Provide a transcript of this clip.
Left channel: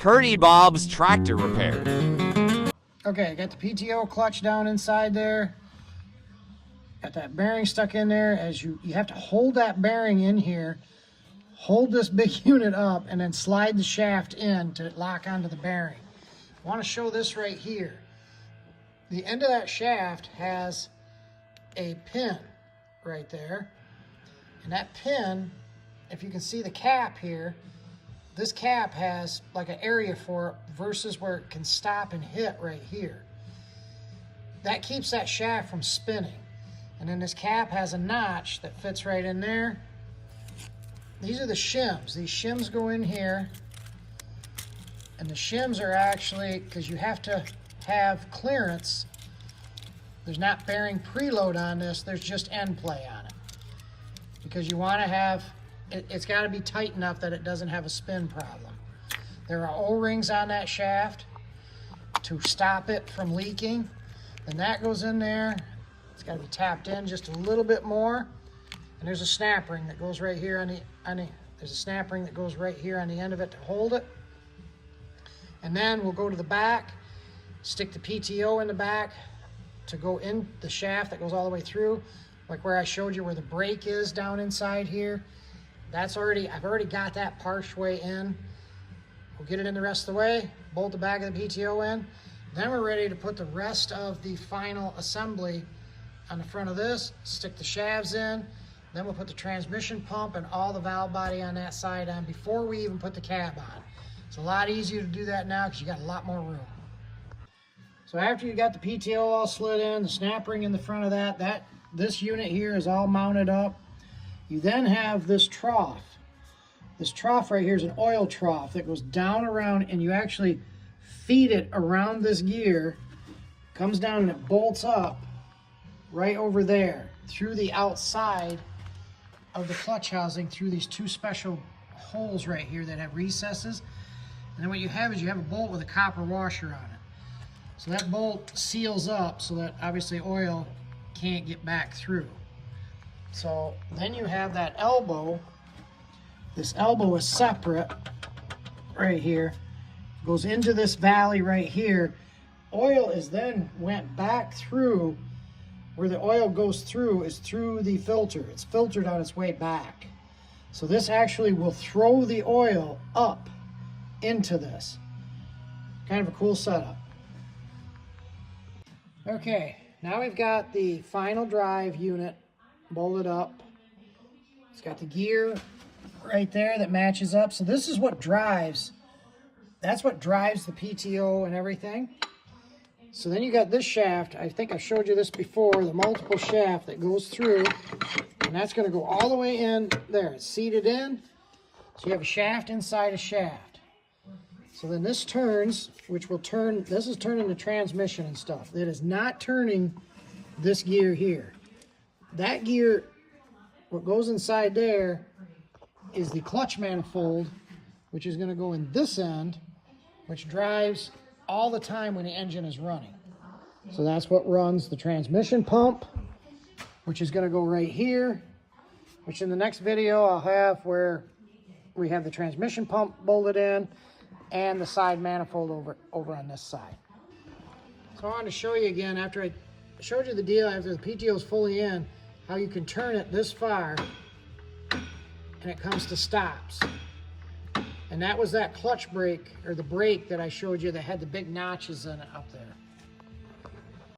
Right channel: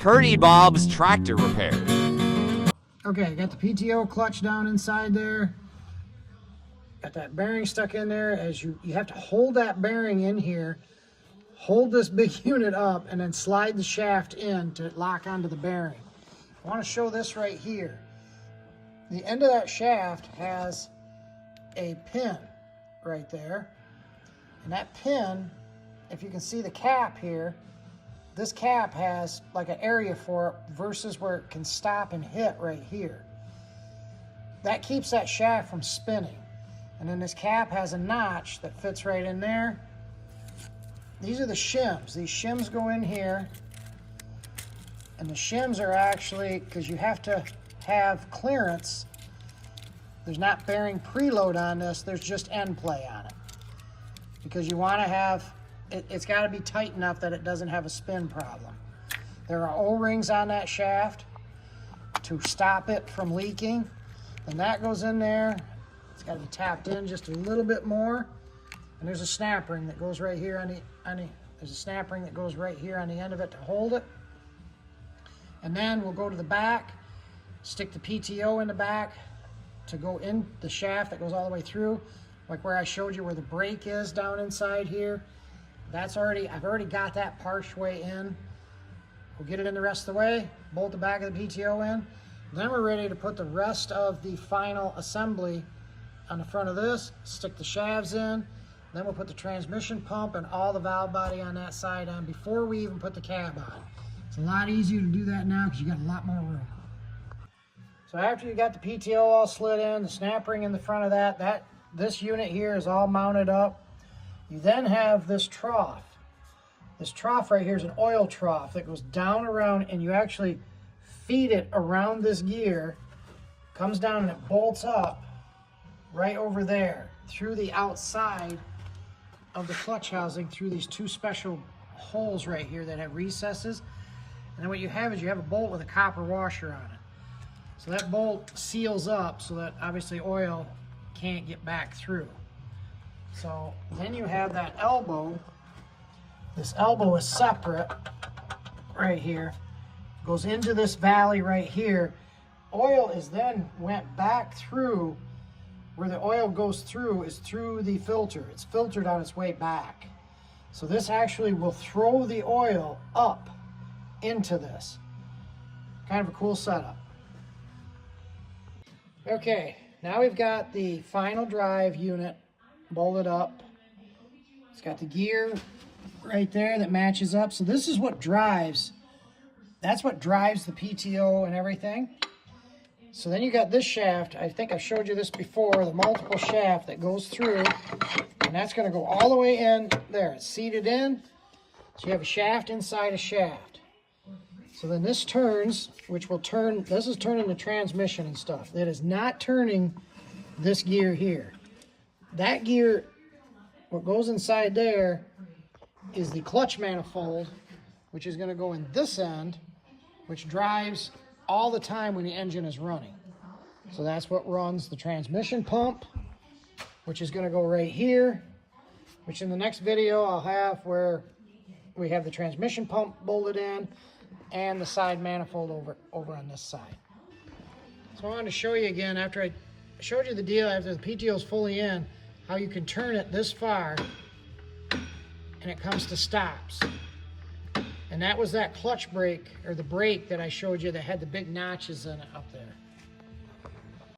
Curdy Bob's Tractor Repair. Okay, I got the PTO clutch down inside there. Got that bearing stuck in there. As you have to hold that bearing in here, hold this big unit up, and then slide the shaft in to lock onto the bearing. I want to show this right here. The end of that shaft has a pin right there. And that pin, if you can see the cap here, this cap has like an area for it versus where it can stop and hit right here. That keeps that shaft from spinning. And then this cap has a notch that fits right in there. These are the shims. These shims go in here. And the shims are actually, because you have to have clearance, there's not bearing preload on this, there's just end play on it. Because you want to have, it's got to be tight enough that it doesn't have a spin problem. There are O-rings on that shaft to stop it from leaking. And that goes in there. It's got to be tapped in just a little bit more. And there's a snap ring that goes right here there's a snap ring that goes right here on the end of it to hold it. And then we'll go to the back, stick the PTO in the back to go in the shaft that goes all the way through, like where I showed you where the brake is down inside here. I've already got that partially in. We'll get it in the rest of the way, bolt the back of the PTO in. Then we're ready to put the rest of the final assembly on the front of this, stick the shafts in, then we'll put the transmission pump and all the valve body on that side on before we even put the cab on. It's a lot easier to do that now because you got a lot more room. So after you got the PTO all slid in, the snap ring in the front of this unit here is all mounted up. You then have this trough. This trough right here is an oil trough that goes down around, and you actually feed it around this gear, comes down and it bolts up right over there through the outside of the clutch housing through these two special holes right here that have recesses. And then what you have is you have a bolt with a copper washer on it. So that bolt seals up so that obviously oil can't get back through. So then you have that elbow. This elbow is separate right here. Goes into this valley right here. Oil is then went back through. Where the oil goes through is through the filter. It's filtered on its way back. So this actually will throw the oil up into this. Kind of a cool setup. Okay, now we've got the final drive unit bolted up. It's got the gear right there that matches up. So this is what drives, that's what drives the PTO and everything. So then you got this shaft. I think I showed you this before, the multiple shaft that goes through, and that's going to go all the way in there. It's seated in, so you have a shaft inside a shaft. So then this turns, which will turn, this is turning the transmission and stuff. It is not turning this gear here. That gear, what goes inside there is the clutch manifold, which is going to go in this end, which drives all the time when the engine is running. So that's what runs the transmission pump, which is going to go right here, which in the next video I'll have where we have the transmission pump bolted in and the side manifold over on this side. So I wanted to show you again, after I showed you the deal, after the PTO is fully in, how you can turn it this far and it comes to stops. And that was that clutch brake, or the brake that I showed you that had the big notches in it up there.